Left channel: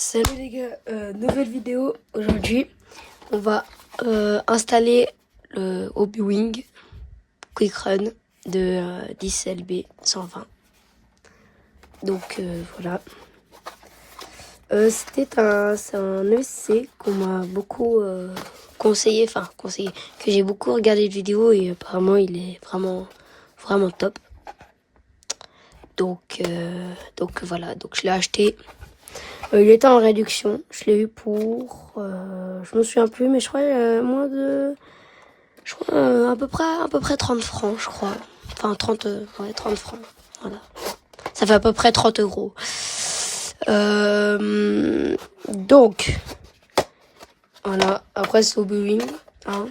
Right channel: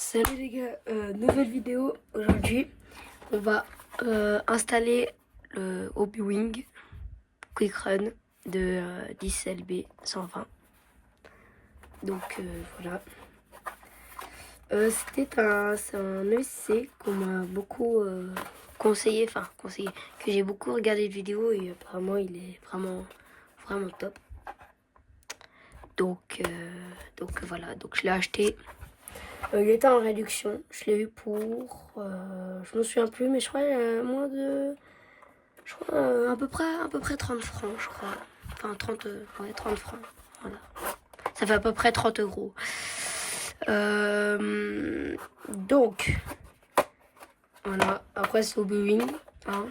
Salut les gars, nouvelle vidéo. Aujourd'hui, on va installer le Hobby-Wing Quick Run de 10LB 120. Donc voilà. C'est un EC qu'on m'a beaucoup conseillé, que j'ai beaucoup regardé de vidéos et apparemment il est vraiment top. Donc voilà, donc je l'ai acheté. Il était en réduction. Je l'ai eu pour... je me souviens plus, mais je crois moins de... Je crois à peu près 30 francs, je crois. Enfin, 30 francs. Voilà. Ça fait à peu près 30 euros. Donc, voilà. Après, c'est Hobby-Wing. Hein.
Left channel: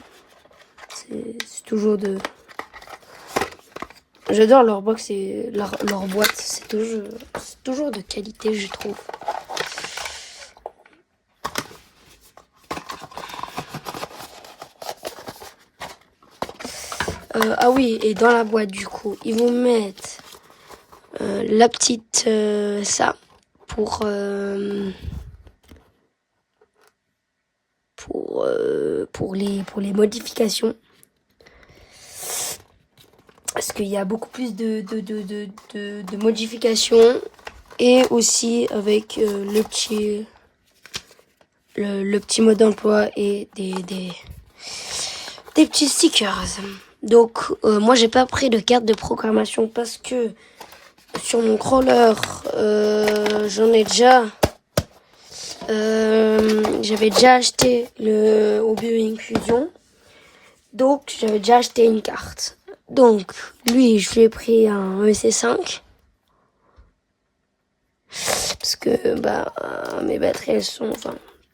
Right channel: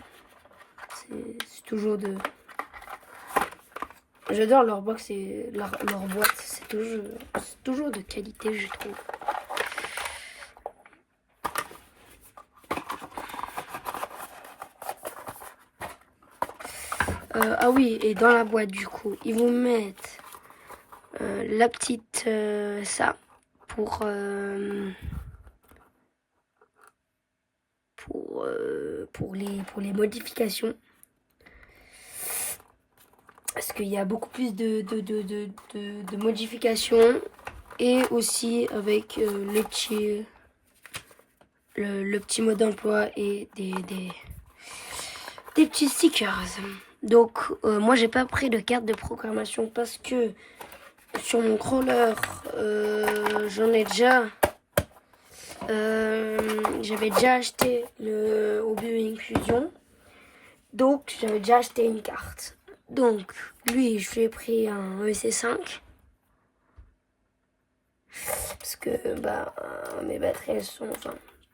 C'est toujours de... J'adore leur box et leur boîte. C'est toujours de qualité, je trouve. Ah oui, et dans la boîte, du coup, ils vont mettre la petite ça pour les modifications. Parce qu'il y a beaucoup plus de modifications. Et aussi avec le petit mode d'emploi et des petits stickers. Donc moi j'ai pas pris de carte de programmation parce que sur mon crawler j'en ai déjà j'avais déjà acheté le Hobby-Wing Fusion, donc j'avais déjà acheté une carte. Donc lui je lui ai pris un EC5 parce que mes batteries elles sont,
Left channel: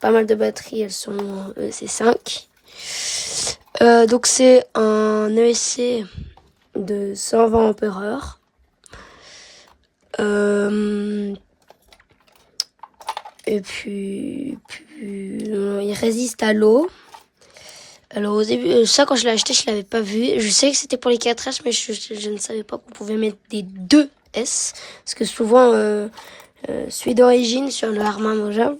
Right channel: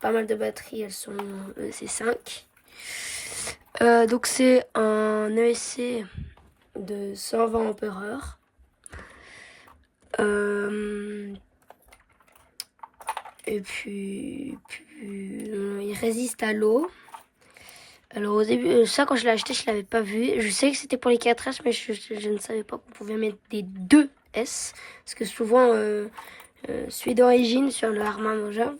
pas mal de batteries elles sont EC5. Donc c'est un EC de 120 ampères. Et puis il résiste à l'eau. Alors au début, ça quand je l'ai acheté, je l'avais pas vu. Je sais que c'était pour les 4S, mais je ne savais pas qu'on pouvait mettre des 2S. Parce que souvent, celui d'origine sur le Harman Moja,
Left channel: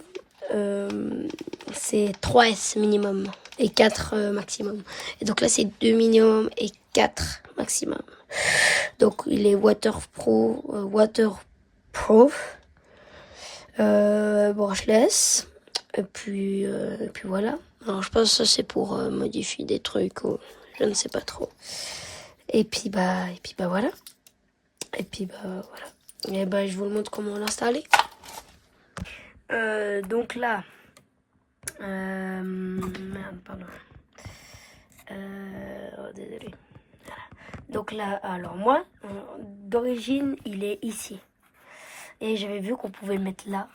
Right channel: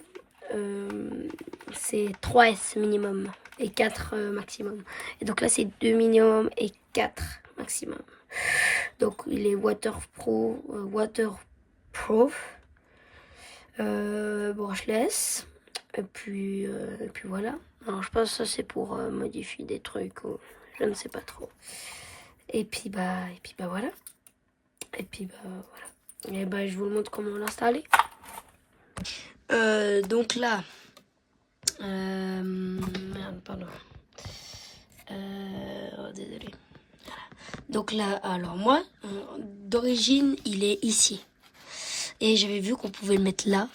c'est 3S minimum et 4 maximum. Et donc là, c'est 2 minimum et 4 maximum. Donc il est waterproof, brushless. Et puis voilà. Alors je pense que ça c'est pour modifier des trucs ou je ne sais pas trop. Et puis voilà. Et puis voilà. Et je vous montre comment l'installer. Donc là, merde, pardon. Désolé. Donc là, alors moi, d'origine, il est ici. Et j'avais vu qu'on pouvait le mettre là.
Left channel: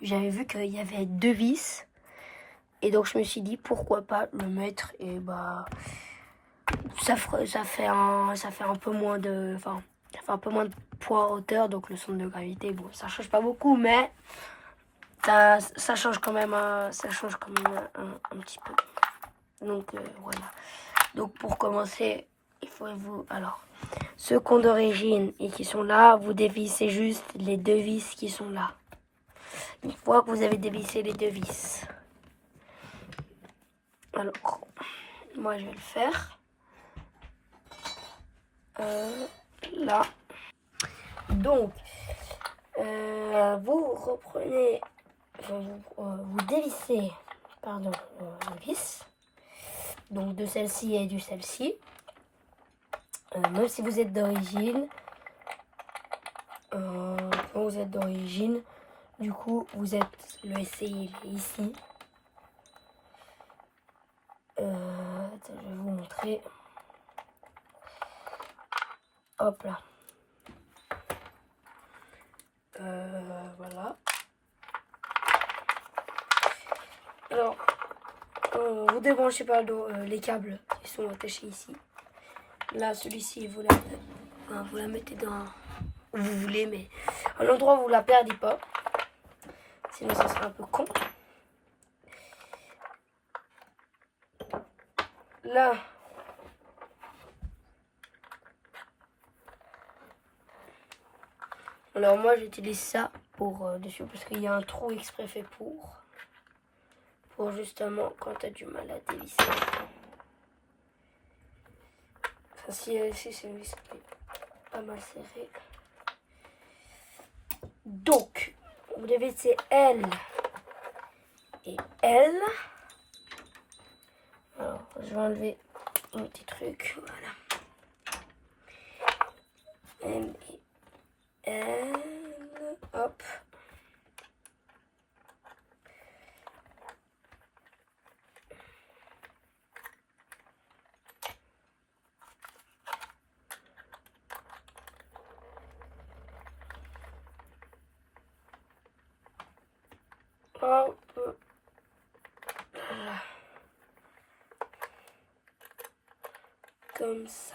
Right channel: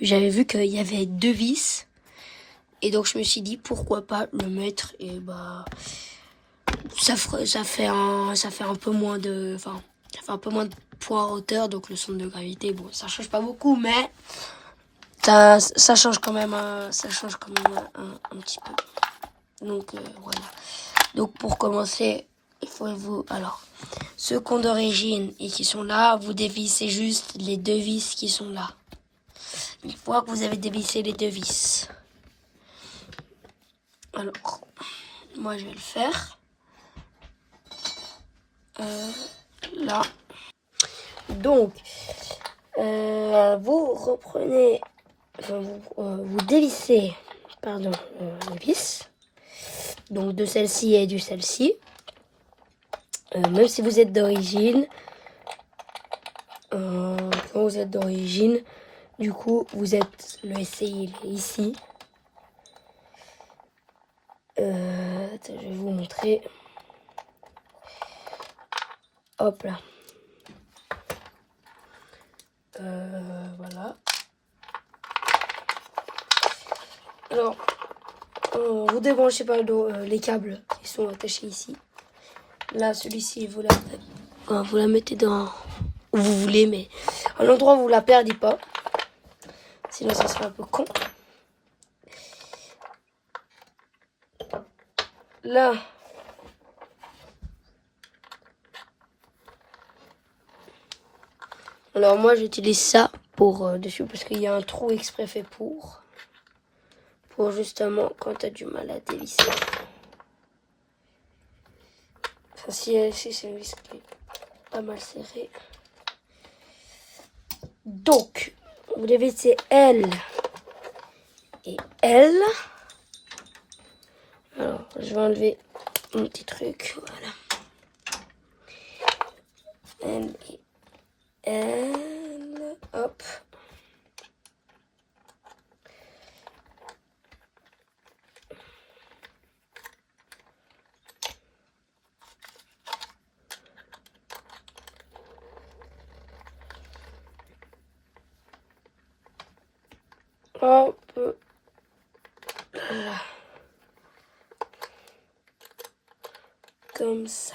J'avais vu qu'il y avait 2 vis. Et donc je me suis dit pourquoi pas le mettre. Et ça fait un peu moins de, ça fait un peu moins de poids en hauteur. Donc le centre de gravité, bon, ça change pas beaucoup, mais ça change quand même, un petit peu. Donc voilà. Donc pour commencer, il faut alors ceux qui ont d'origine et qui sont là, vous dévissez juste les 2 vis qui sont là. Une fois que vous avez dévissé les 2 vis. Alors, moi je vais le faire. Là. Donc, vous reprenez, vous dévissez, les vis. Donc de celle-ci et de celle-ci. Même si vous êtes d'origine, quand vous êtes d'origine, du coup, vous êtes le SCI ici. Je vais vous montrer. Hop là. Voilà. Alors, vous débranchez pas les câbles qui sont attachés ici. Là, celui-ci, vous la mettez dans où vous voulez, mais à l'endroit où vous la perdez pas. Sinon, ça serait un peu con. Là, alors moi, j'utilise ça pour dessus parce qu'il y a un trou exprès fait pour justement quand tu as du mal à dévisser. Enfin, si c'est une vis qui est pas mal serré. Donc, vous dévissez L et L. Alors, je vais enlever un petit truc, voilà. L et L, hop. Hop. Là. Comme ça.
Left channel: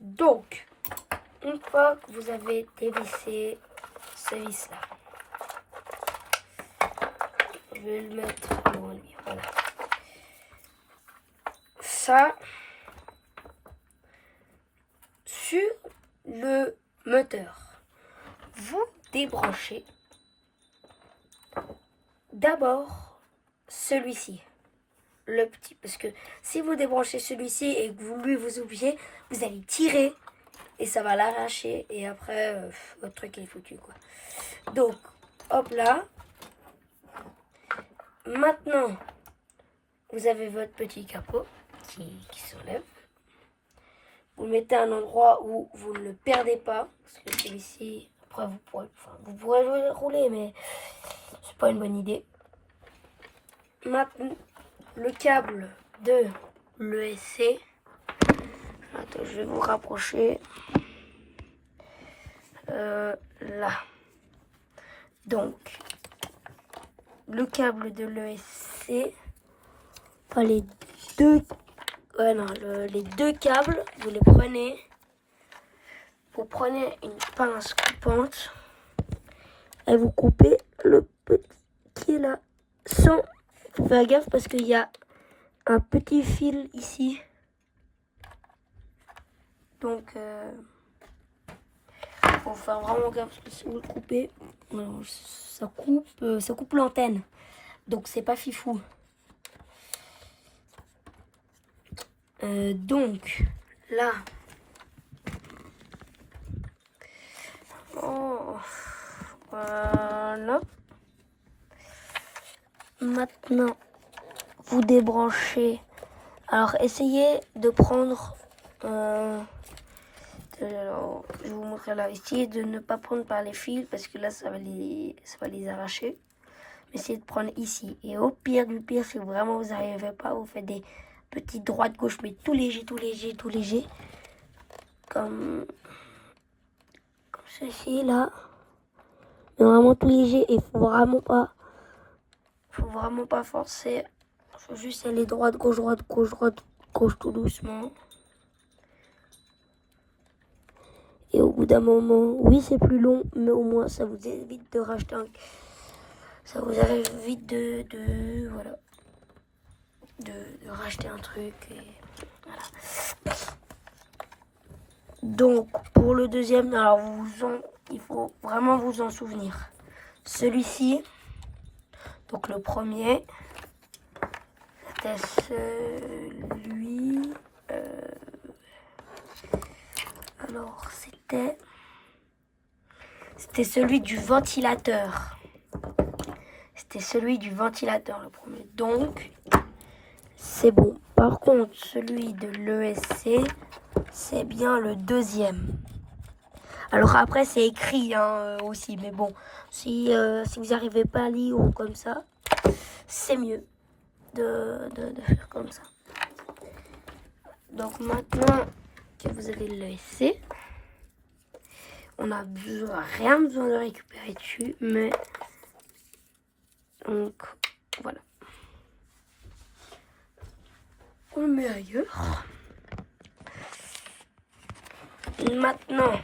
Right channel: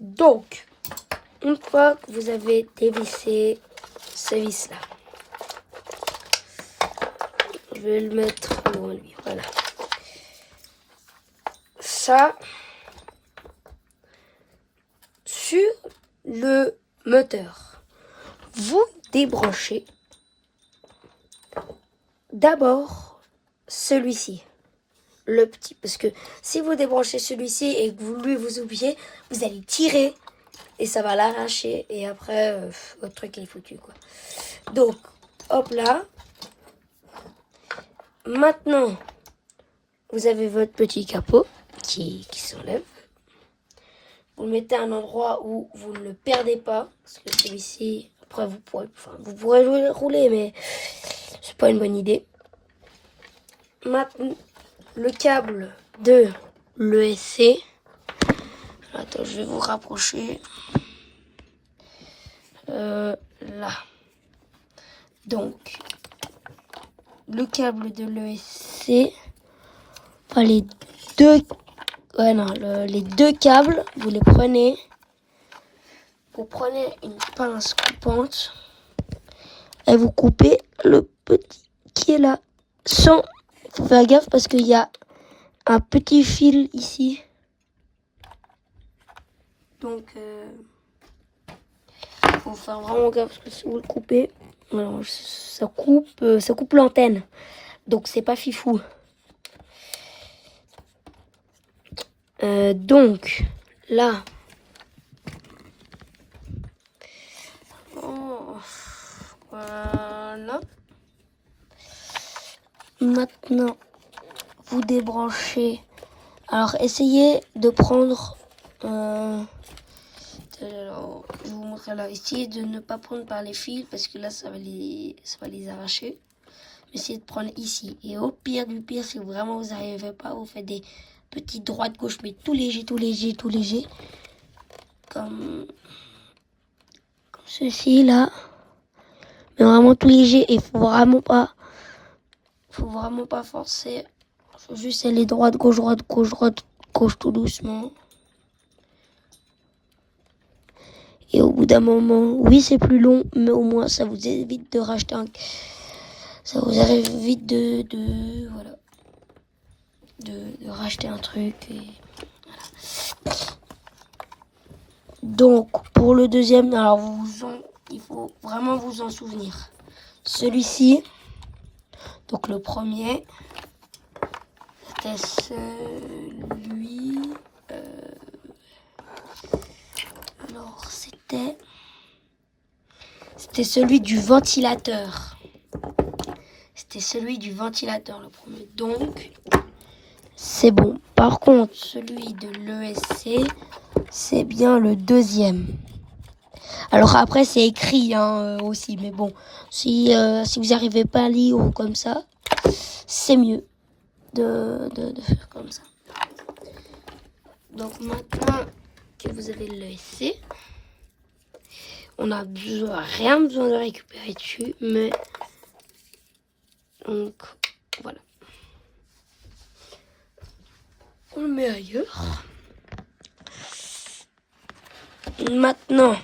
Donc, une fois que vous avez dévissé ce vis-là, je vais le mettre loin de lui. Voilà. Ça, sur le moteur, vous débranchez d'abord celui-ci, le petit, parce que si vous débranchez celui-ci et que vous oubliez, vous allez tirer et ça va l'arracher et après votre truc est foutu quoi. Donc hop là. Maintenant vous avez votre petit capot qui s'enlève. Vous le mettez à un endroit où vous ne le perdez pas parce que celui-ci après vous pourrez le rouler mais c'est pas une bonne idée. Maintenant le câble de l'ESC. Attends, je vais vous rapprocher. Là. Donc, le câble de l'ESC. Les deux câbles, vous les prenez. Vous prenez une pince coupante et vous coupez le petit qui est là. Sans faire gaffe parce qu'il y a un petit fil ici. Donc, faut faire vraiment gaffe parce que si vous le coupez, alors, ça coupe l'antenne. Donc, c'est pas fifou. Donc, là. Oh, voilà. Maintenant, vous débranchez. Alors, essayez de prendre... alors, je vais vous montrer là. Essayez de ne pas prendre par les fils parce que là, ça va les arracher. Mais essayez de prendre ici. Et au pire du pire, si vraiment vous n'arrivez pas, vous faites des petites droites gauche, mais tout léger. Comme ceci là. Mais vraiment tout léger. Et faut vraiment pas forcer. Faut juste aller droite, gauche, tout doucement. Et au bout d'un moment, oui c'est plus long, mais au moins ça vous évite de racheter ça vous évite de racheter un truc. Et voilà. Donc pour le deuxième, alors il faut vraiment vous en souvenir. Celui-ci, donc le premier, c'était celui... alors c'était celui du ventilateur. C'était celui du ventilateur le premier. Donc, c'est bon. Par contre, celui de l'ESC, c'est bien le deuxième. Alors après, c'est écrit aussi. Mais bon, si vous n'arrivez pas à lire ou comme ça, c'est mieux de faire comme ça. Donc maintenant que vous avez l'ESC, on n'a rien besoin de récupérer dessus. Mais donc, voilà. On le met ailleurs. Maintenant,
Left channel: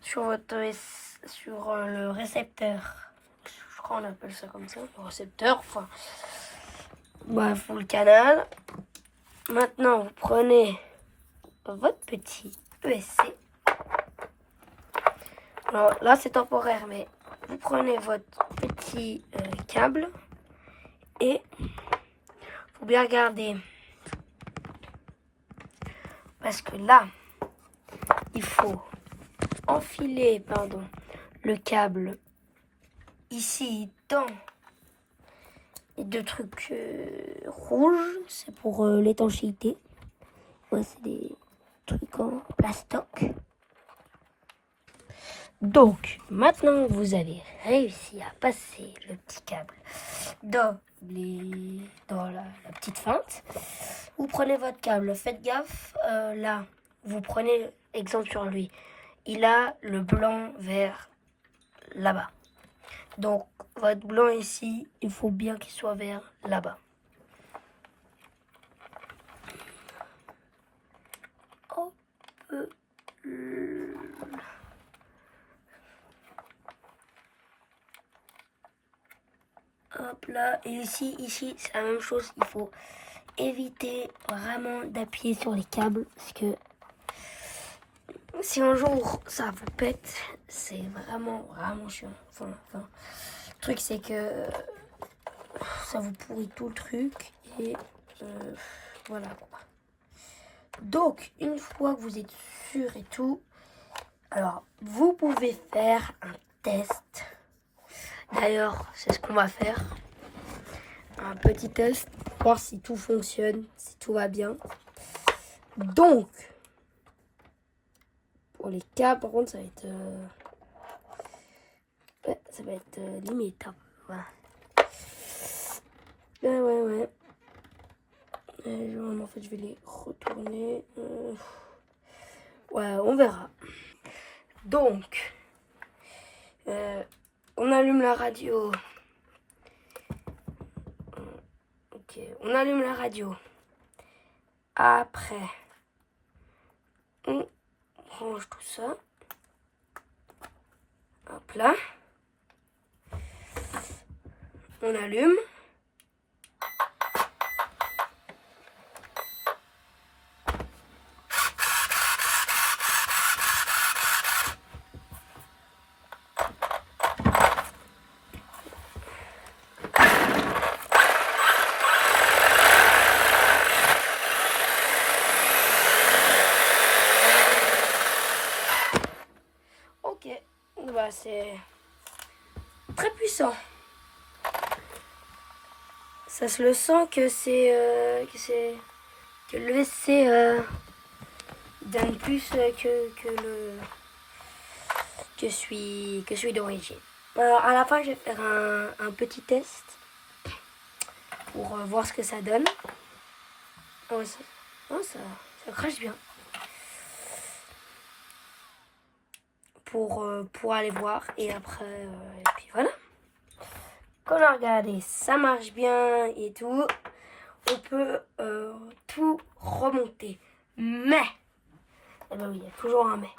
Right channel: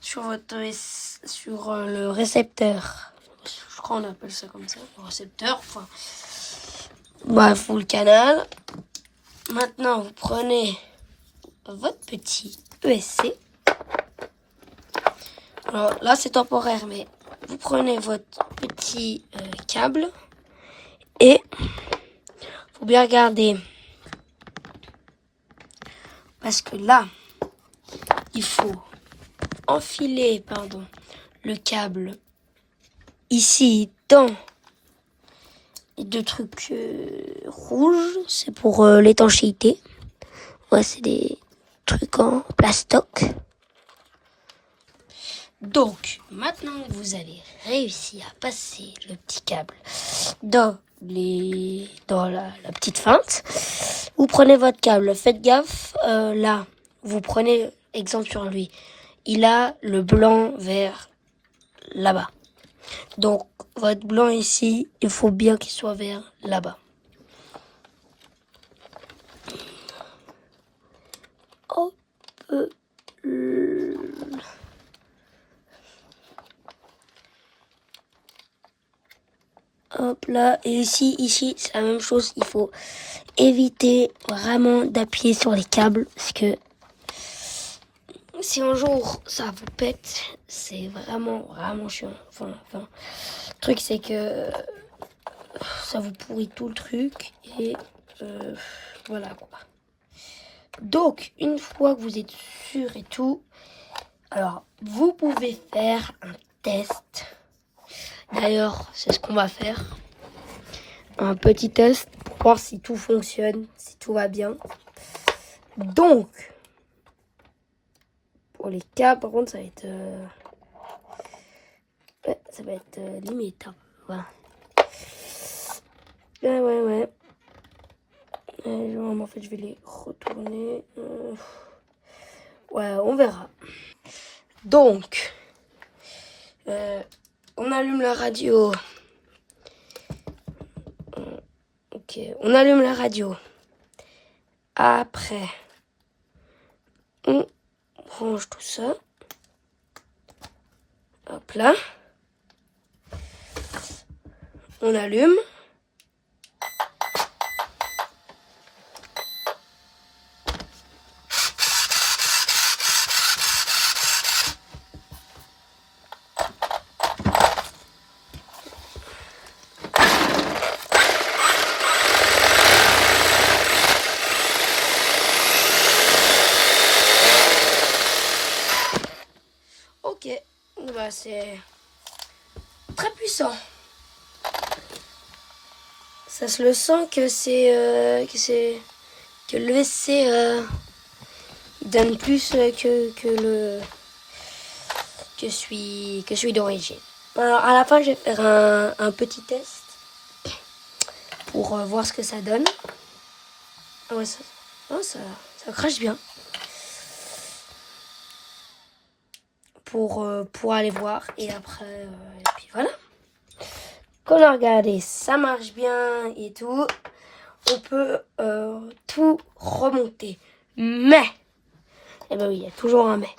sur le récepteur, je crois qu'on appelle ça comme ça, le récepteur, enfin, bref, le canal. Maintenant, vous prenez votre petit ESC Alors là, c'est temporaire, mais vous prenez votre petit câble et faut bien regarder. Parce que là, il faut enfiler, le câble ici dans les deux trucs rouges. C'est pour l'étanchéité. Ouais, c'est des trucs en plastoc. Donc, maintenant que vous avez réussi à passer le petit câble dans la petite feinte, vous prenez votre câble. Faites gaffe, là, vous prenez exemple sur lui. Il a le blanc vers là-bas. Donc, votre blanc ici, il faut bien qu'il soit vers là-bas. Hop. Hop là, et ici, c'est la même chose. Il faut éviter vraiment d'appuyer sur les câbles parce que si un jour ça vous pète, c'est vraiment chiant. Enfin, le truc c'est que ça vous pourrit tout le truc et voilà quoi. Donc, une fois que vous êtes sûr et tout, alors vous pouvez faire un test. D'ailleurs, c'est ce qu'on va faire. Un petit test pour voir si tout fonctionne, si tout va bien. Donc, pour les câbles, par contre, ça va être... ça va être limite. Hein. Voilà. Ouais. En fait, je vais les retourner. Ouais, on verra. Donc, on allume la radio. Ok, on allume la radio. Après, on range tout ça. Hop là. On allume. Ok, bah c'est très puissant. Ça se le sent que que le WC donne plus que celui d'origine. Alors à la fin, je vais faire un petit test pour voir ce que ça donne. Ah ouais, ça crache bien. Pour aller voir et après et puis voilà. Quand on a regardé, ça marche bien et tout. On peut tout remonter. Mais, eh ben oui, il y a toujours un mais.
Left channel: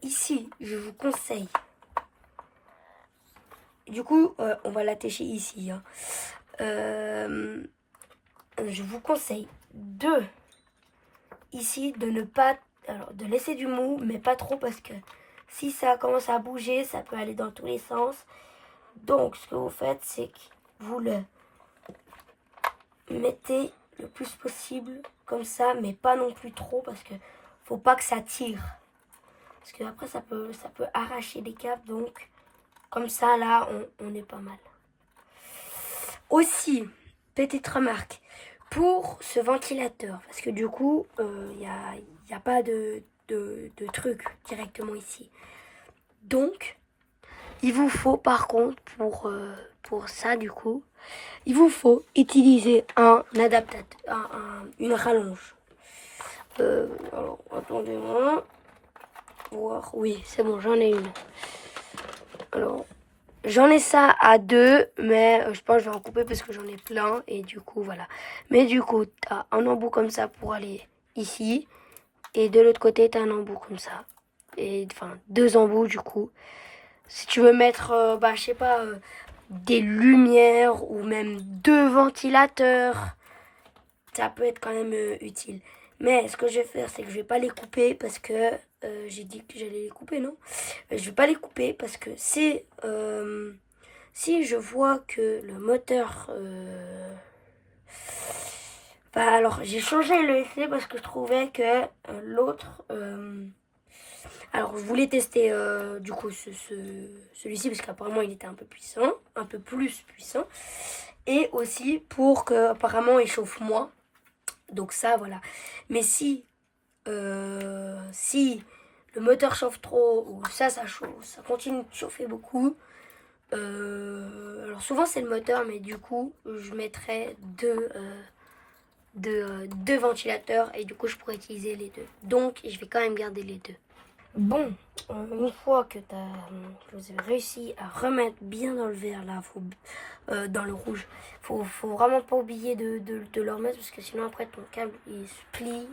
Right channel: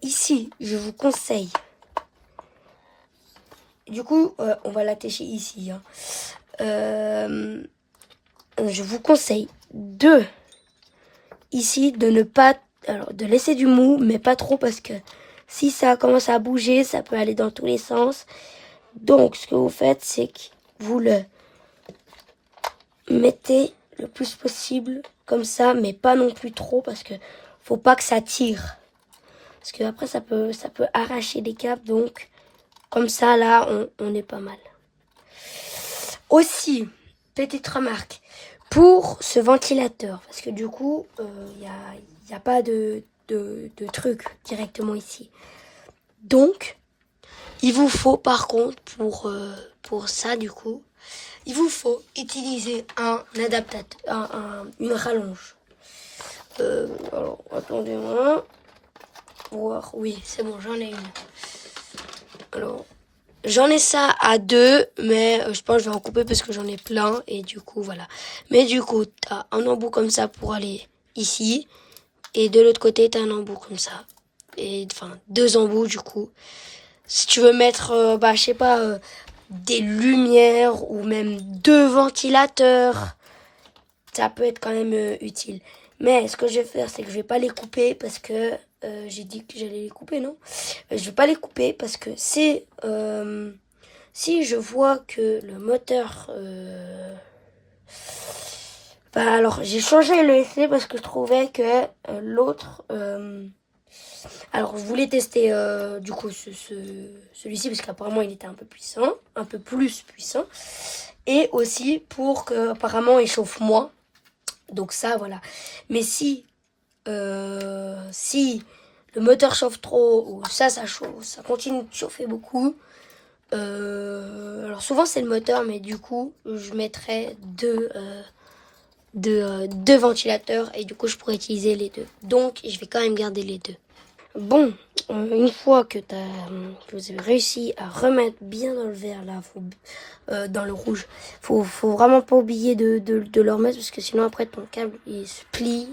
Ici, je vous conseille. Du coup, on va l'attacher ici. Hein. Je vous conseille ici de ne pas, alors de laisser du mou, mais pas trop parce que si ça commence à bouger, ça peut aller dans tous les sens. Donc, ce que vous faites, c'est que vous le mettez le plus possible comme ça, mais pas non plus trop parce que faut pas que ça tire. Parce que après, ça peut arracher les câbles. Donc, comme ça, là, on est pas mal. Aussi, petite remarque, pour ce ventilateur, parce que du coup, il y a pas de truc directement ici. Donc, il vous faut par contre, pour ça du coup, il vous faut utiliser un adaptateur, une rallonge. Alors, attendez-moi. Voir, oui, c'est bon, j'en ai une. Alors, j'en ai ça à 2, mais je pense que je vais en couper parce que j'en ai plein. Et du coup, voilà. Mais du coup, t'as un embout comme ça pour aller ici. Et de l'autre côté, t'as un embout comme ça. Et enfin, 2 embouts du coup. Si tu veux mettre, je sais pas, des lumières ou même 2 ventilateurs, ça peut être quand même utile. Mais ce que je vais faire, c'est que je vais pas les couper parce que j'ai dit que j'allais les couper, non? Je vais pas les couper parce que c'est... si je vois que le moteur... Bah alors, j'ai changé le essai parce que je trouvais que l'autre... alors, je voulais tester du coup celui-ci parce qu'apparemment il était un peu puissant, un peu plus puissant. Et aussi pour que apparemment il chauffe moins. Donc ça, voilà. Mais si le moteur chauffe trop ou ça chauffe, ça continue de chauffer beaucoup. Alors souvent c'est le moteur, mais du coup je mettrais deux ventilateurs et du coup je pourrais utiliser les deux. Donc je vais quand même garder les deux. Bon, une fois que vous avez réussi à remettre bien dans le vert là, dans le rouge, faut vraiment pas oublier de le remettre parce que sinon après ton câble il se plie,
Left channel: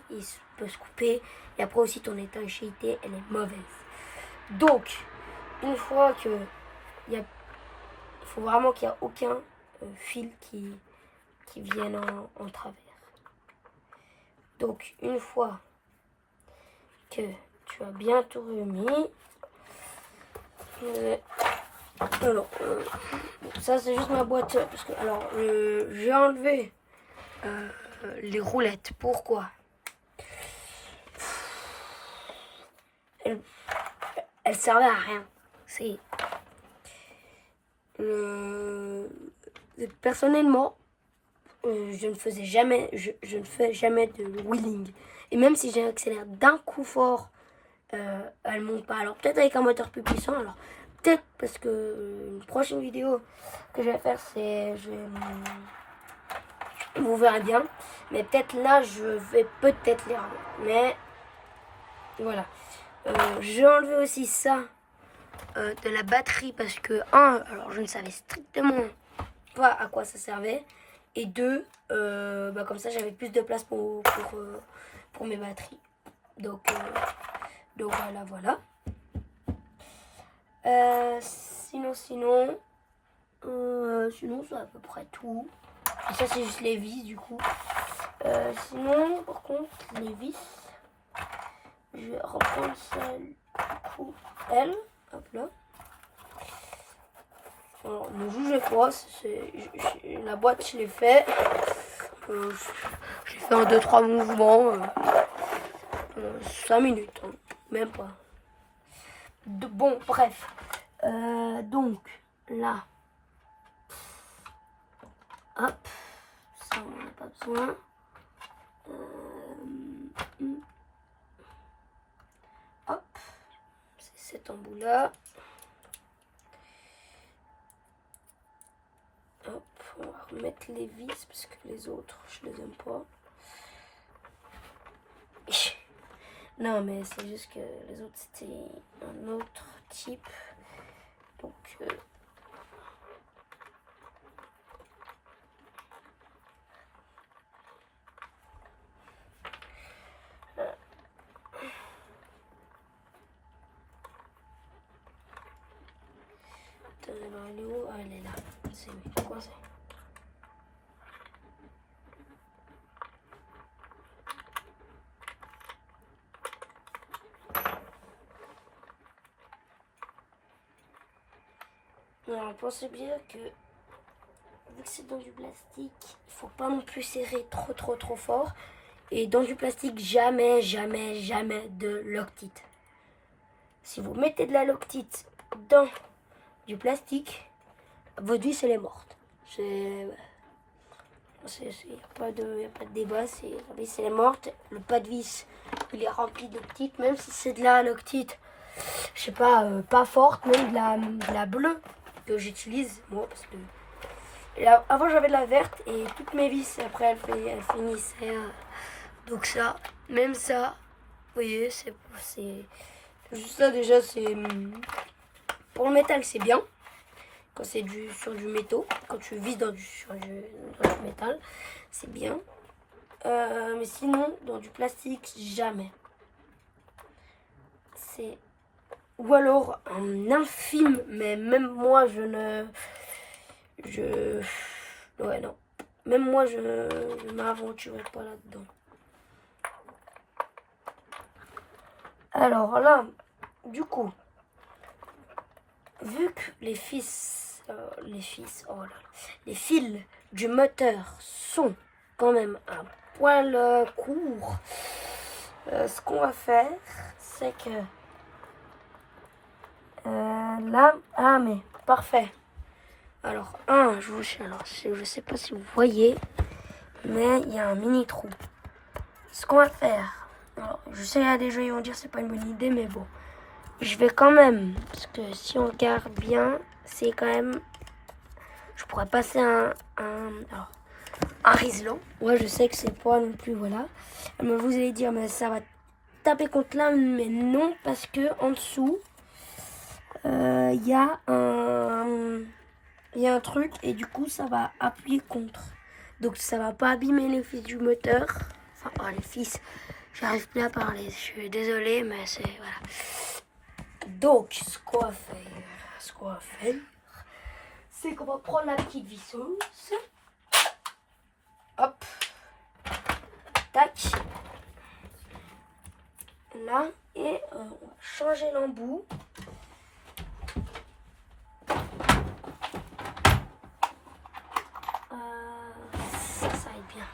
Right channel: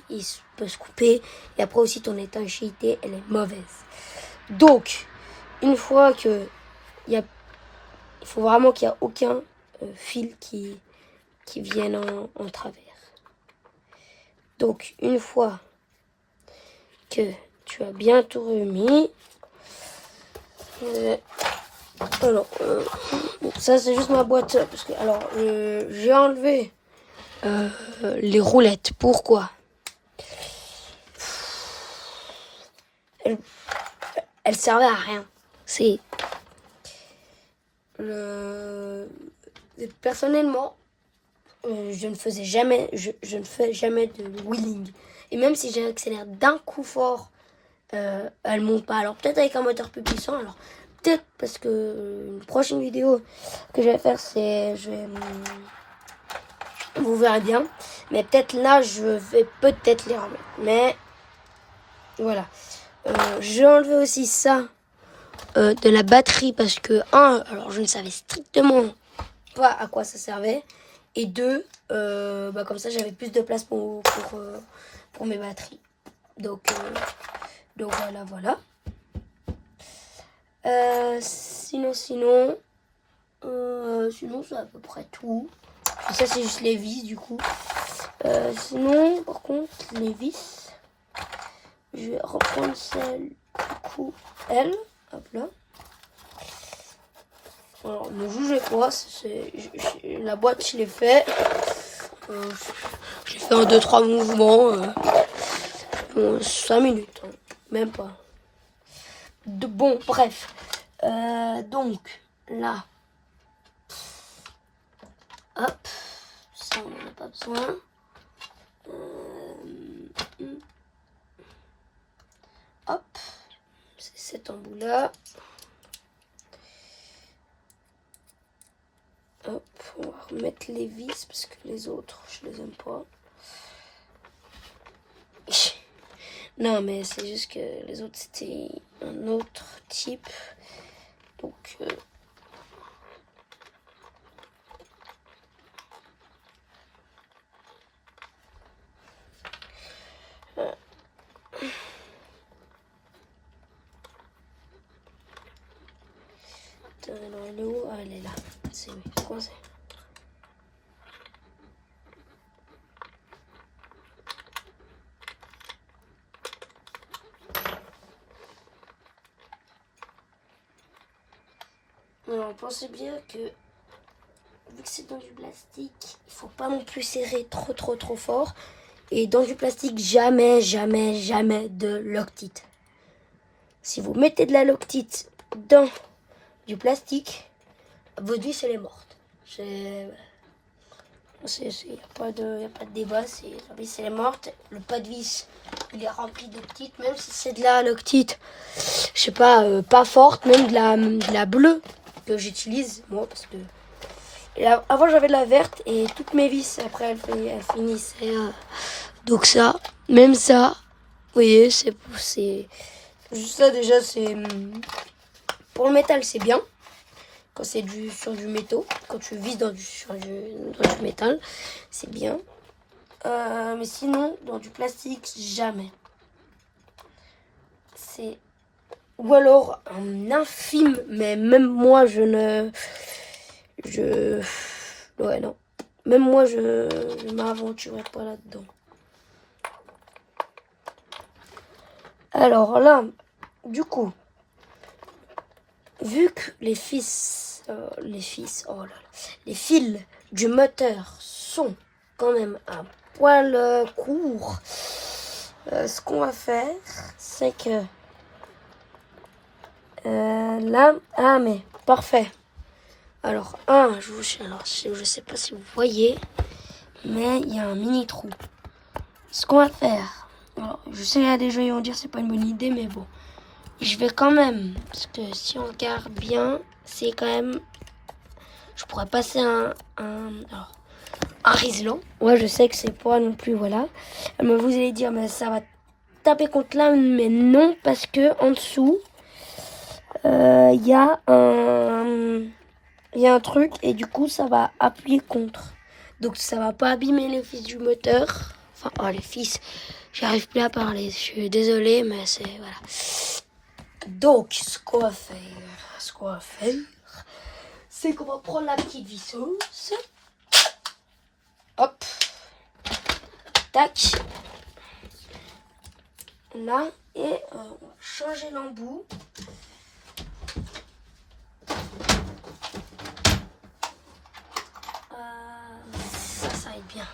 peut se couper et après aussi ton étanchéité elle est mauvaise. Donc, une fois que il faut vraiment qu'il n'y a aucun fil qui vienne en travers. Donc, une fois que tu as bien tout remis, alors, ça c'est juste ma boîte parce que alors j'ai enlevé les roulettes. Pourquoi? Elles servaient à rien. C'est personnellement, je ne faisais jamais, je ne fais jamais de wheeling. Et même si j'accélère d'un coup fort, elles montent pas. Alors peut-être avec un moteur plus puissant. Alors peut-être parce que une prochaine vidéo que je vais faire, vous verrez bien. Mais peut-être là, je vais peut-être les remettre. Mais voilà. J'ai enlevé aussi ça de la batterie parce que alors je ne savais strictement pas à quoi ça servait. Et deux, comme ça j'avais plus de place pour mes batteries. Donc voilà. Sinon c'est à peu près tout. Et ça c'est juste les vis du coup. Sinon par contre les vis, je vais reprendre celle du coup hop là. Alors ne jugez pas, la boîte je l'ai fait. J'ai fait 2-3 mouvements. 5 minutes, hein, même pas. Bon, bref. Donc, là. Hop. Ça, on n'en a pas besoin. Hop. C'est cet embout-là. Hop. On va remettre les vis parce que les autres, je les aime pas. Non, mais c'est juste que les autres, c'était un autre type. Donc, alors, elle est où? Ah, elle est là. C'est coincé. Alors, pensez bien que, vu que c'est dans du plastique, il faut pas non plus serrer trop fort. Et dans du plastique, jamais de Loctite. Si vous mettez de la Loctite dans du plastique, votre vis elle est morte. Il n'y a pas de débat, la vis elle est morte. Le pas de vis il est rempli de Loctite, même si c'est de la Loctite, je sais pas, pas forte, même de la bleue que j'utilise moi parce que avant j'avais de la verte et toutes mes vis après elles finissaient donc ça, même ça, vous voyez, c'est juste ça déjà, c'est pour le métal c'est bien quand c'est sur du métal, quand tu vises dans du métal, c'est bien. Mais sinon dans du plastique jamais. C'est ou alors un infime, mais même moi ouais non, même moi je m'aventurerai pas là-dedans. Alors là, du coup, vu que les fils du moteur sont quand même un poil courts, ce qu'on va faire, c'est que là, ah mais parfait. Alors je sais pas si vous voyez, mais il y a un mini trou. Ce qu'on va faire, alors, je sais il y a des gens qui vont dire c'est pas une bonne idée, mais bon, je vais quand même, parce que si on regarde bien, c'est quand même, je pourrais passer un riselant. Ouais, je sais que c'est pas non plus, voilà. Mais vous allez dire, mais ça va taper contre là, mais non, parce que en dessous, il y a un truc et du coup ça va appuyer contre. Donc ça va pas abîmer les fils du moteur. Enfin, oh les fils, j'arrive plus à parler. Je suis désolée, mais c'est voilà. Donc ce qu'on va faire, c'est qu'on va prendre la petite visseuse. Hop, tac, là et on va changer l'embout. Ça aide bien.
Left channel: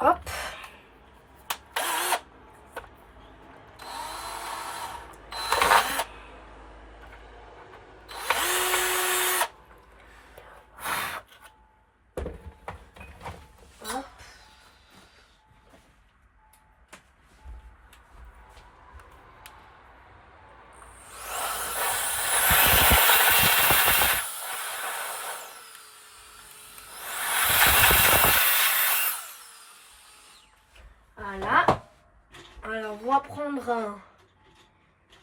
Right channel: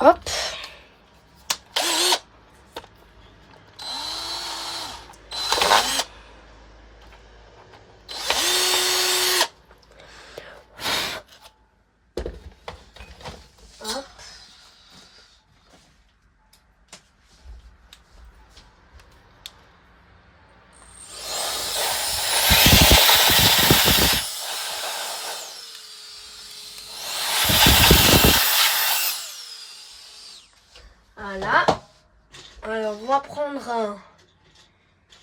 Hop. Hop. Voilà. Alors, on va prendre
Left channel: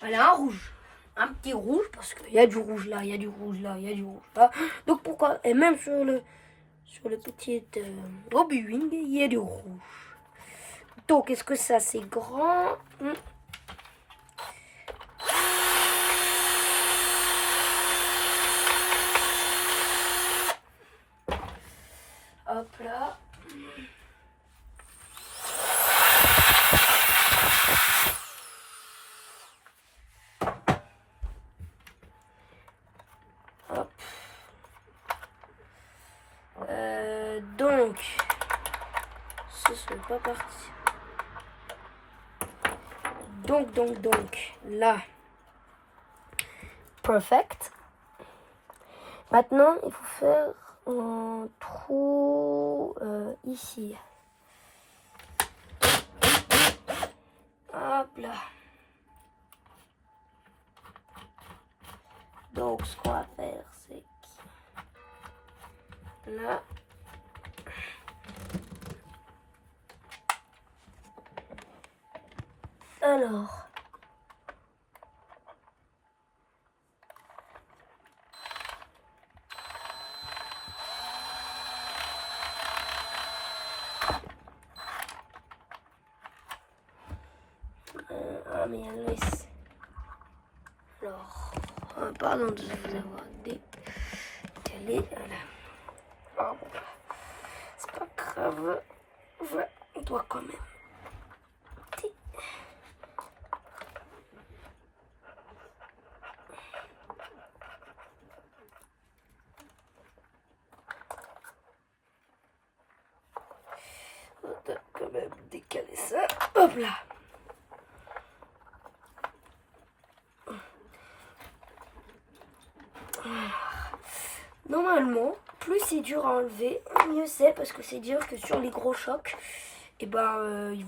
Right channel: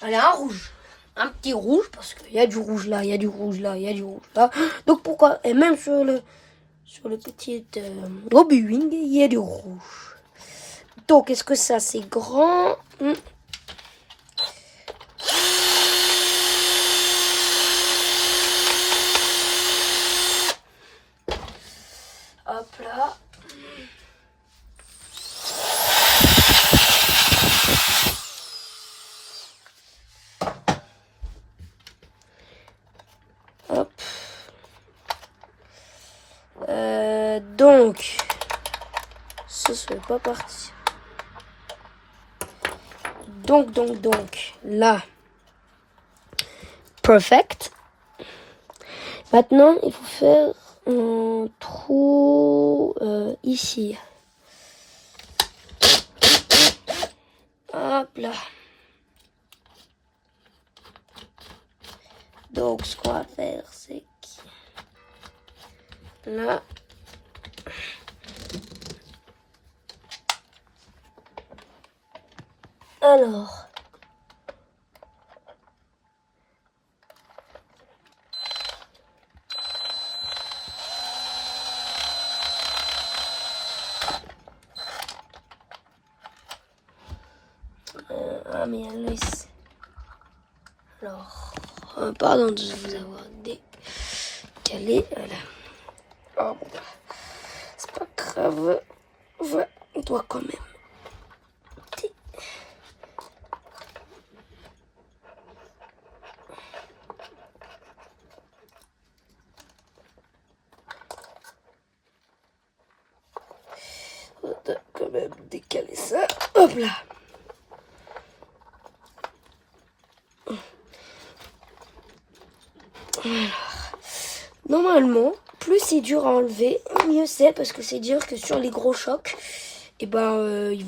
un rouge. Un petit rouge, parce qu'il y a du rouge là, il y a du rouge là, il y a du rouge là. Donc, pourquoi? Et même sur le petit Hobbywing, il y a du rouge. Donc, est-ce que ça, c'est grand? Hop là. Hop. Donc, ce serait pas parti. Donc, là, perfect. Maintenant, il faut faire un trou ici. Hop là. Donc, ce qu'on va faire, c'est que là, alors, mais il y a là ici. Alors, pardon de vous avoir décalé. Voilà. Oh, bon, c'est pas grave. Voilà, on doit quand même. On doit quand même décaler ça. Hop là. Normalement, plus c'est dur à enlever, mieux c'est, parce que c'est dur que sur les gros chocs, et ils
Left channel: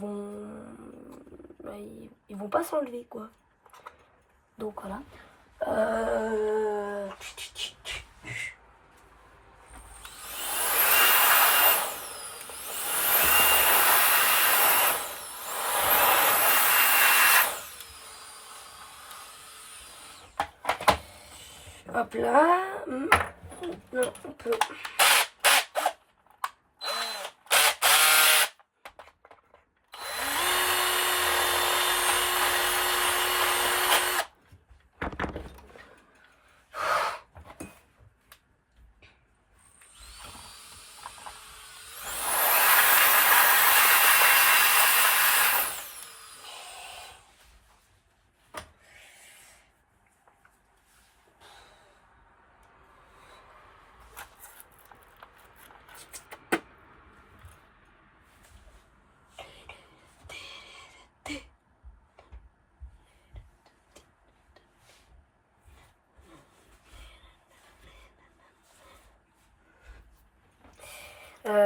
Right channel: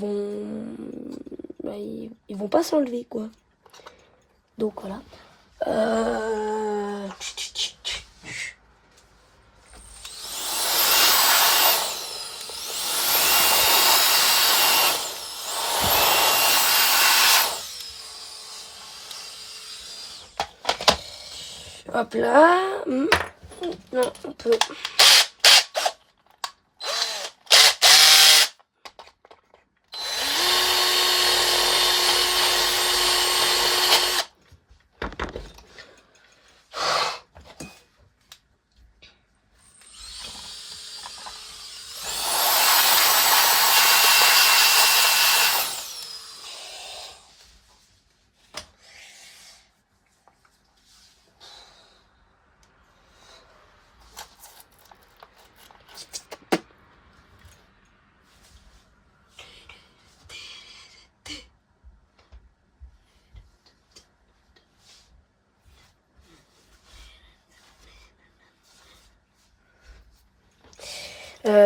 vont pas s'enlever quoi. Donc voilà. Hop là. Non, on peut.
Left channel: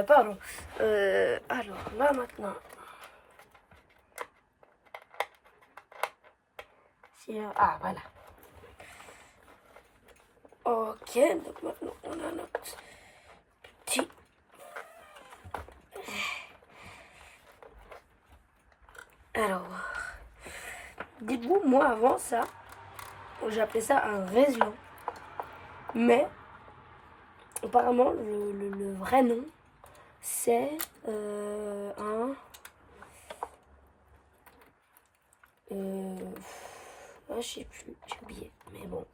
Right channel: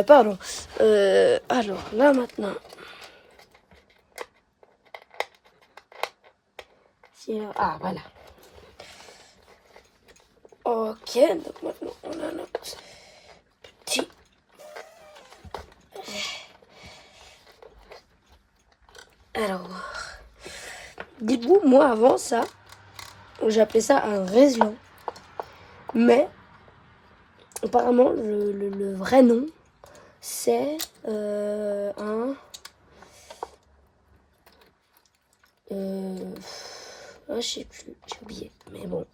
Pardon. Alors, là maintenant. Ah, voilà. Ok, donc maintenant on a notre petit... Alors, dites-vous, moi avant ça, j'appelais ça un réseau. Mais, apparemment, le vrai nom, c'est un... je sais plus, j'ai oublié, mais bon.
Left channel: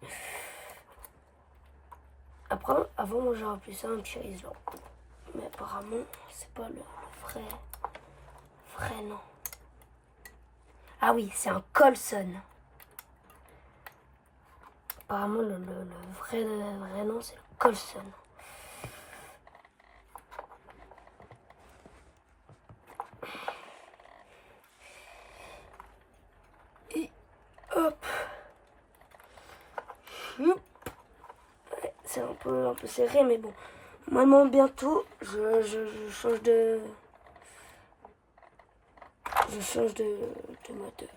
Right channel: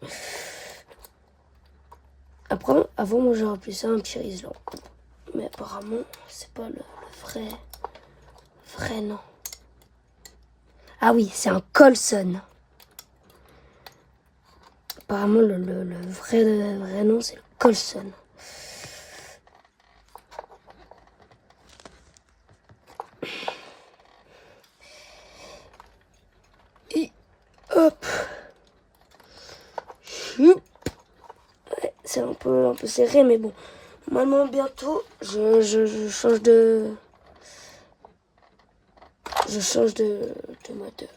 Après, avant, moi, j'ai appelé ça un petit riesling. Mais apparemment, c'est pas le vrai nom. Ah oui, c'est un Colson. Apparemment, le vrai nom, c'est le Colson. Et hop. Ouais, c'est un peu serré, mais bon. Normalement, bientôt, je change de... Je change de moteur.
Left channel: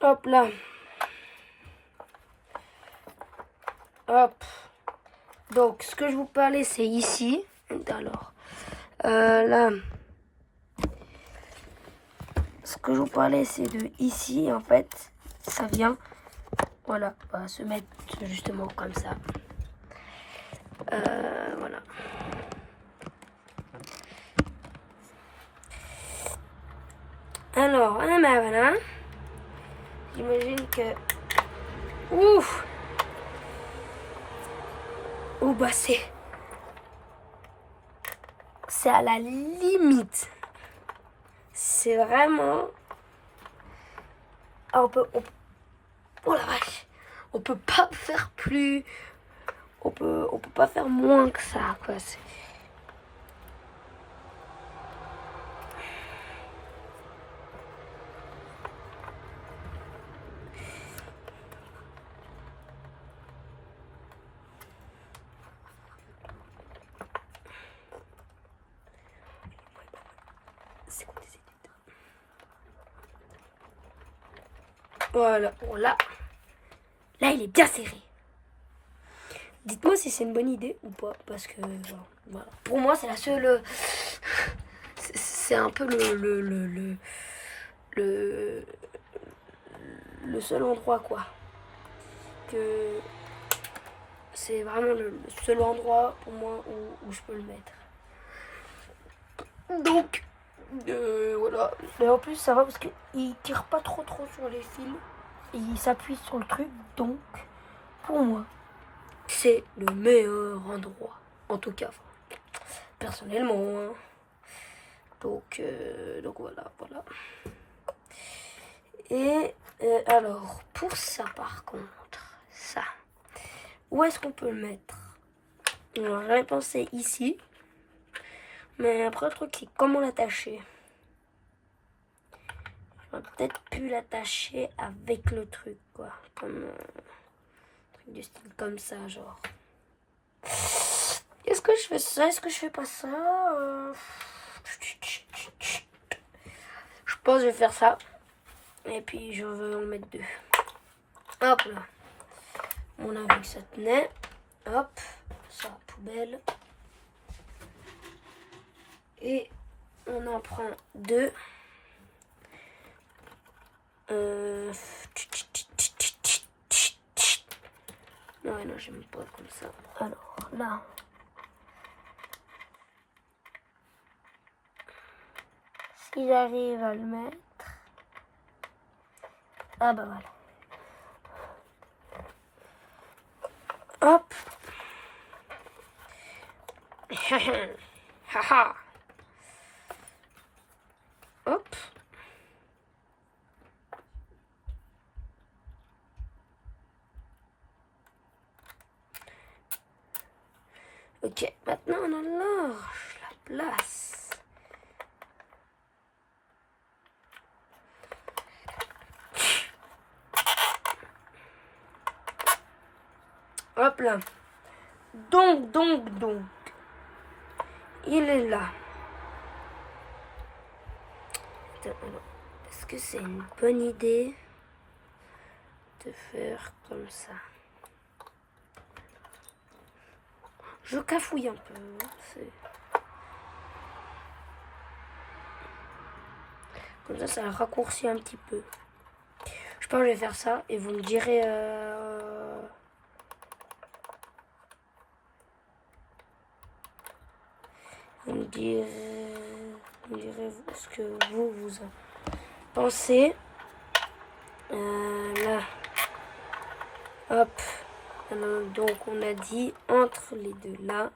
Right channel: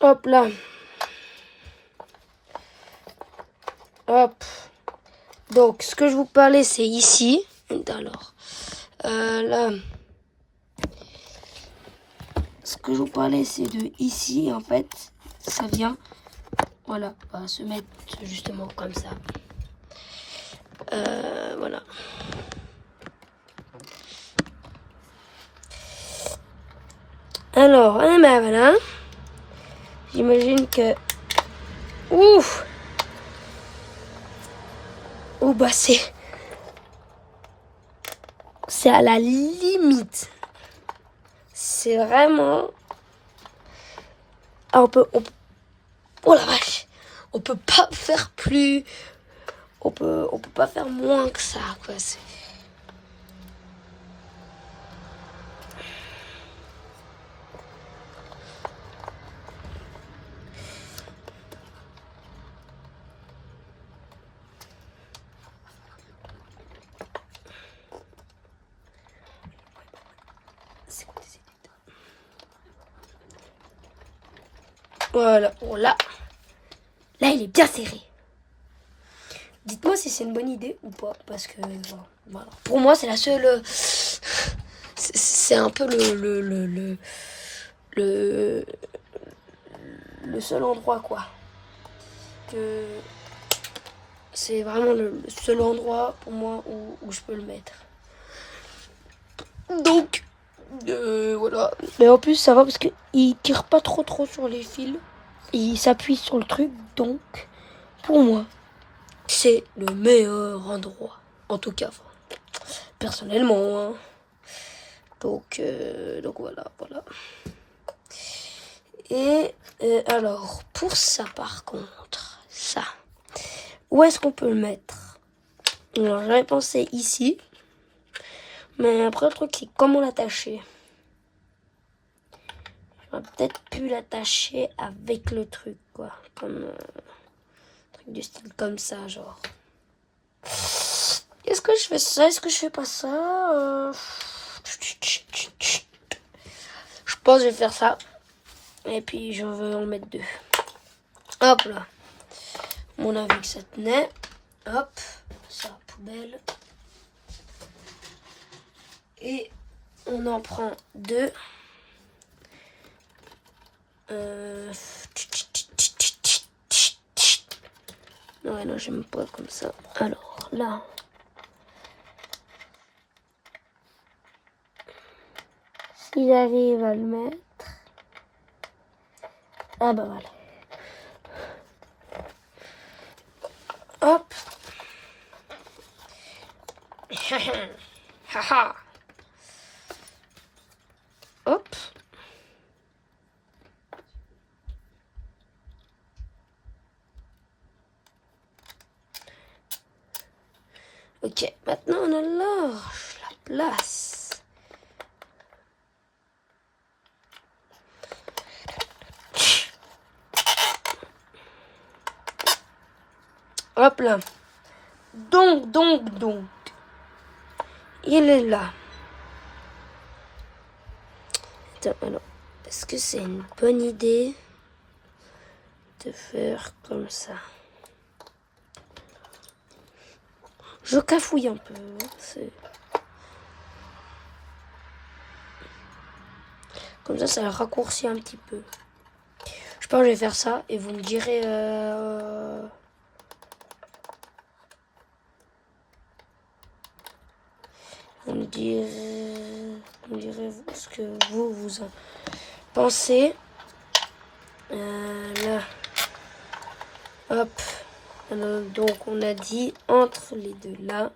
Hop là. Hop. Donc, ce que je vous parlais, c'est ici. Alors, là. Ce que je vous parlais, c'est de ici, en fait. Ça vient, voilà, va se mettre justement comme ça. Voilà. Alors, ben voilà. J'imagine que... Ouf! Oh, bah c'est à la limite. C'est vraiment... Ah, oh la vache! On peut pas faire plus... On peut pas faire moins que ça, quoi. C'est quoi des études? Voilà, bon là, il est bien serré. Dites-moi si c'est une bonne idée ou pas, parce que voilà. Pour moi, c'est la seule. C'est un peu le seul endroit, quoi. Que c'est vraiment le seul endroit pour moi où je peux le mettre. Donc, voilà. Mais en plus, ça va parce qu'il tire pas trop sur les fils. Il s'appuie sur le truc, donc pour moi, c'est le meilleur endroit. En tout cas, personnellement. Hein. Donc voilà. Et alors, pour ça par contre, ça, où est-ce qu'on peut le mettre? Alors, j'avais pensé ici. Mais après, le truc, c'est comment l'attacher. J'aurais peut-être pu l'attacher avec le truc, quoi. Comme truc du style comme ça, genre. Est-ce que je fais ça? Est-ce que je fais pas ça? Je pense que je vais faire ça. Et puis, je vais en mettre 2. Hop là. On a vu que ça tenait. Hop. Ça, poubelle. Et on en prend 2. Non, j'aime pas comme ça. Alors, là. Si j'arrive à le mettre. Ah bah voilà. Hop. Haha. Hop. Ok, maintenant on allonge la place. Hop là. Donc. Il est là. Attends, alors, est-ce que c'est une bonne idée de faire comme ça? Je cafouille un peu. Comme ça raccourcit un petit peu. Je pense que je vais faire ça et vous me direz... Vous me direz ce que vous en pensez. Là. Hop. Alors, donc on a dit entre les deux là.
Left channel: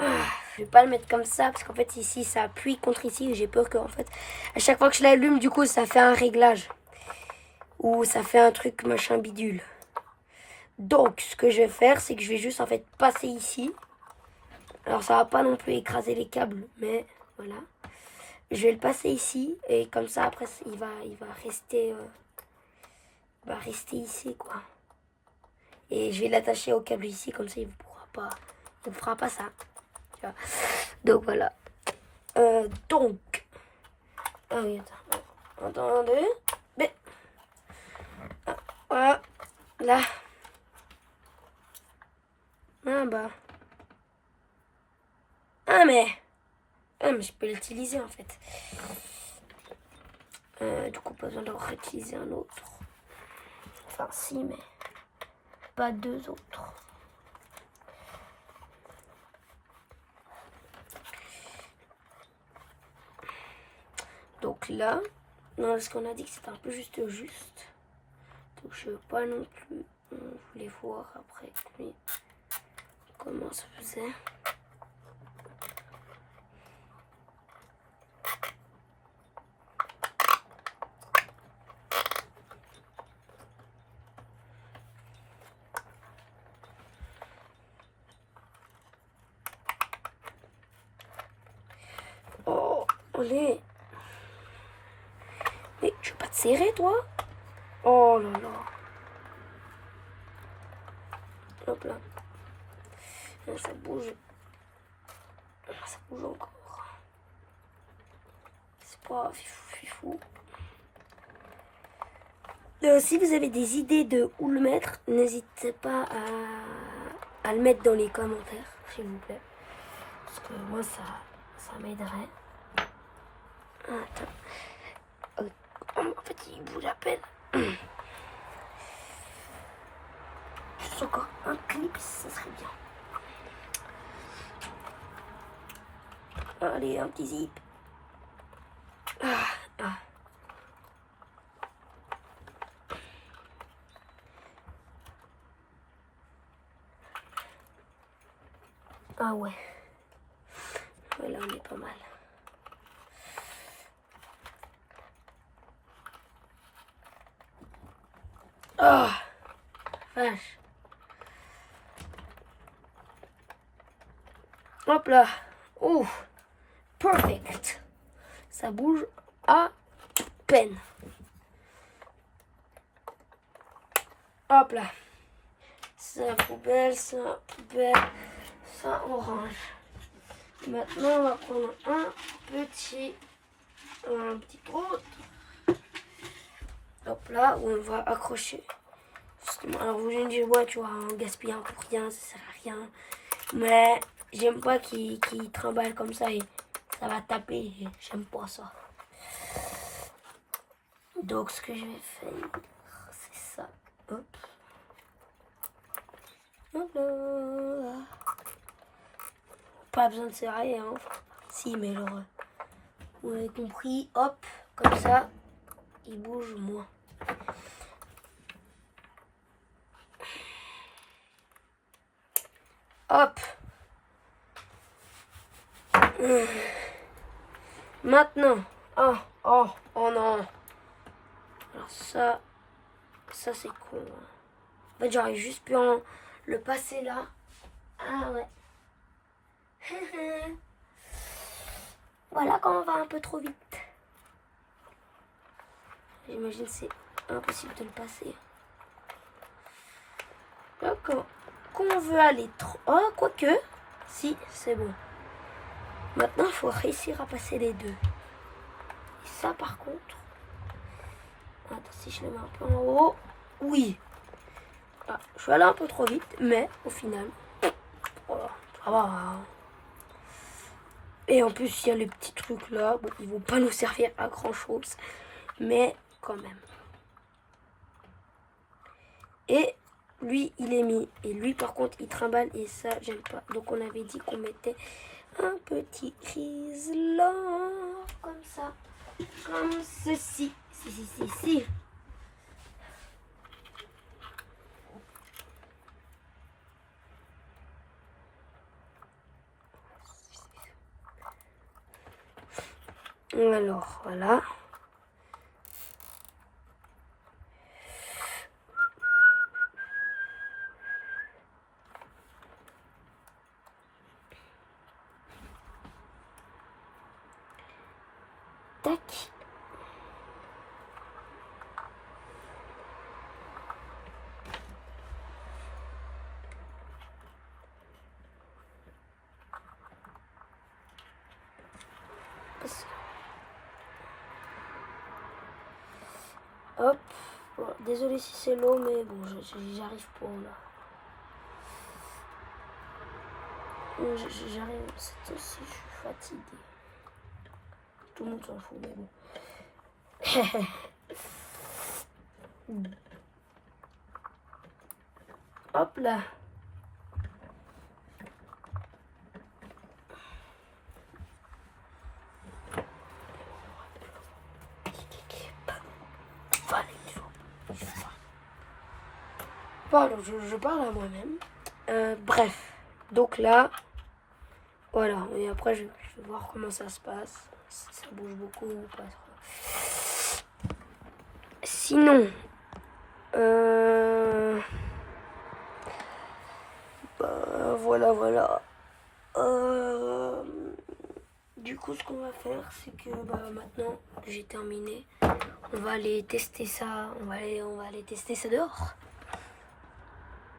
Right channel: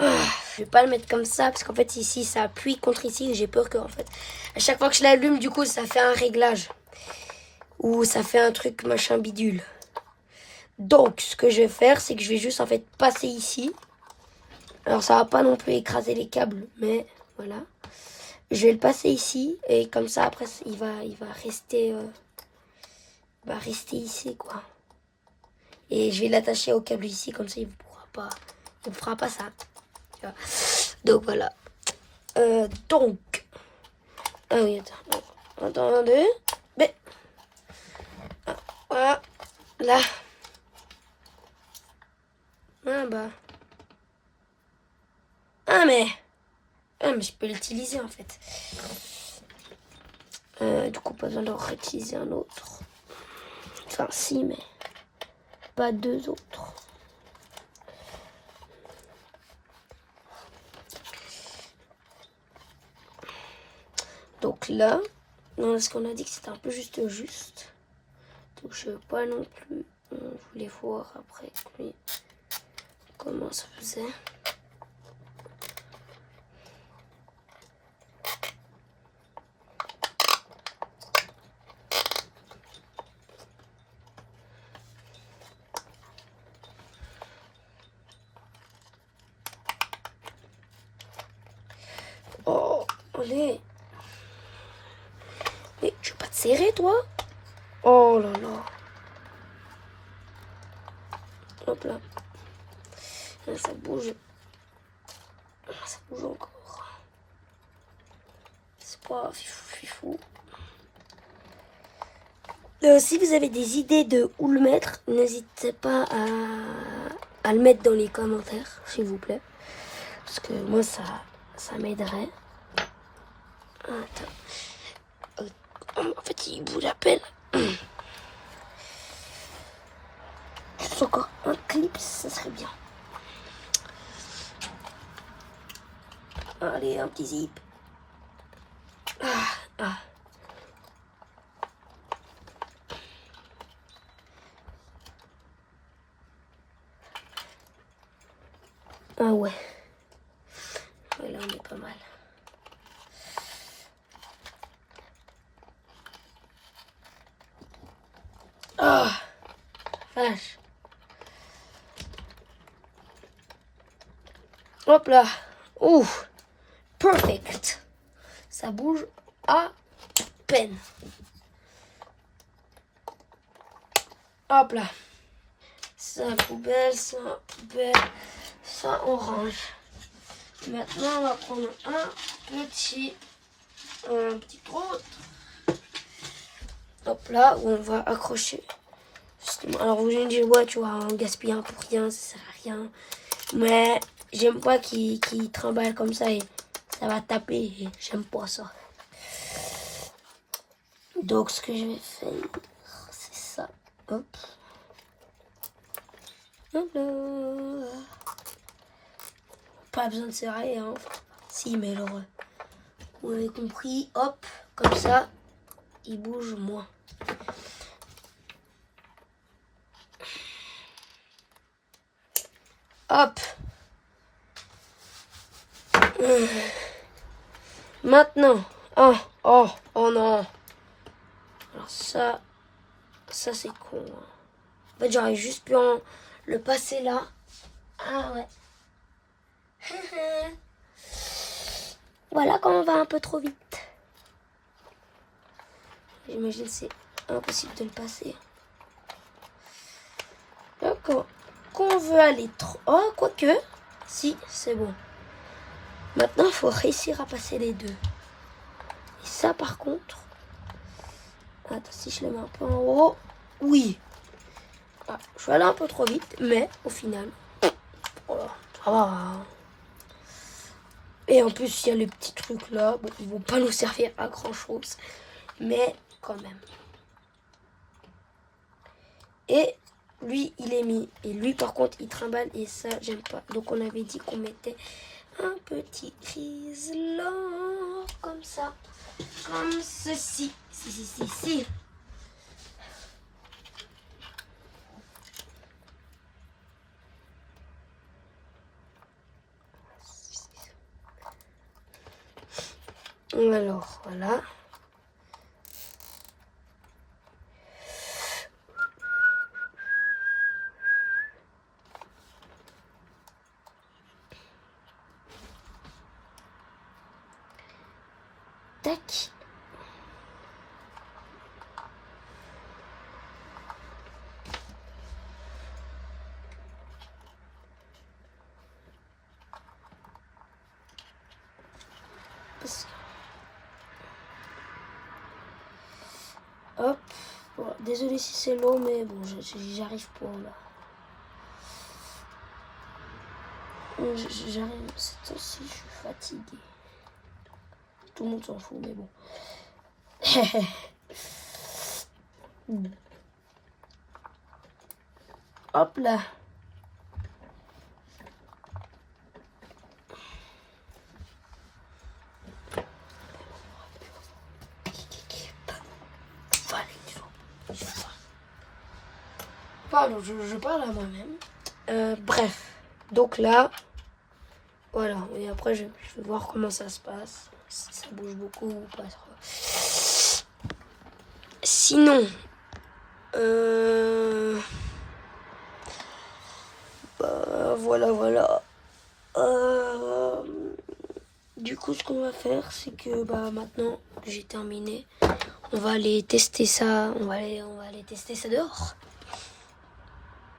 Je vais pas le mettre comme ça parce qu'en fait ici ça appuie contre ici et j'ai peur que en fait à chaque fois que je l'allume du coup ça fait un réglage ou ça fait un truc machin bidule. Donc ce que je vais faire c'est que je vais juste en fait passer ici. Alors ça va pas non plus écraser les câbles mais voilà. Je vais le passer ici et comme ça après il va rester ici quoi. Et je vais l'attacher au câble ici comme ça il ne fera pas ça. Tu vois. Donc voilà. Donc. Ah oui, attends. Attendez. Mais. Voilà. Là. Ah bah. Ah mais je peux l'utiliser en fait. Du coup, pas besoin de réutiliser un autre. Enfin, si, mais pas deux autres. Donc là, non, parce qu'on a dit que c'était un peu juste. Donc je veux pas non plus. On voulait voir après lui comment ça faisait. Oh, allez. Mais tu veux pas te serrer, toi? Oh là là. Hop là. Ça bouge. Ça bouge encore. C'est pas fifou. Si vous avez des idées de où le mettre, n'hésitez pas à le mettre dans les commentaires, s'il vous plaît. Parce que moi, ça m'aiderait. Attends. En fait, il vous appelle. Juste encore un clip, ça serait bien. Allez, un petit zip. Ah ouais. Ouais, là, on est pas mal. Oh, vache. Hop là. Ouf. Perfect. Ça bouge à peine. Hop là. Ça poubelle, ça poubelle, ça orange. Maintenant, on va prendre un petit trou. Hop là, où on va accrocher. Justement. Alors vous me dites, ouais, tu vois, on gaspille un pour rien, ça sert à rien. Mais j'aime pas qu'il trimballe comme ça et ça va taper. J'aime pas ça. Donc ce que je vais faire, c'est ça. Hop. Hop là. Pas besoin de serrer, hein. Si, mais genre, vous avez compris. Hop, comme ça, il bouge moins. Hop. Maintenant. Oh non. Alors ça c'est con. En fait, j'aurais juste pu le passer là. Ah ouais. Voilà quand on va un peu trop vite. J'imagine que c'est impossible de le passer. Là, quand on veut aller trop... Oh, quoique. Si, c'est bon. Maintenant, il faut réussir à passer les deux. Et ça, par contre... Attends, si je le mets un peu en haut... Oui. Ah, je suis allé un peu trop vite, mais au final... Voilà, ça va. Et en plus, il y a les petits trucs là. Bon, ils vont pas nous servir à grand chose. Mais quand même. Et lui, il est mis. Et lui, par contre, il trimballe. Et ça, j'aime pas. Donc, on avait dit qu'on mettait un petit là. Comme ça. Comme ceci. Si. Alors, voilà. Tac. Hop. Bon, désolé si c'est long, mais bon, j'arrive pas là. J'arrive, c'est aussi, je suis fatiguée. Tout le monde s'en fout, mais bon. Hop là. Pardon, je parle à moi-même. Bref, donc là, voilà. Et après, je vais voir comment ça se passe. Si ça bouge beaucoup ou pas. Sinon, bah, voilà. Du coup, ce qu'on va faire, c'est que bah, maintenant que j'ai terminé, on va aller tester ça. On va aller tester ça dehors.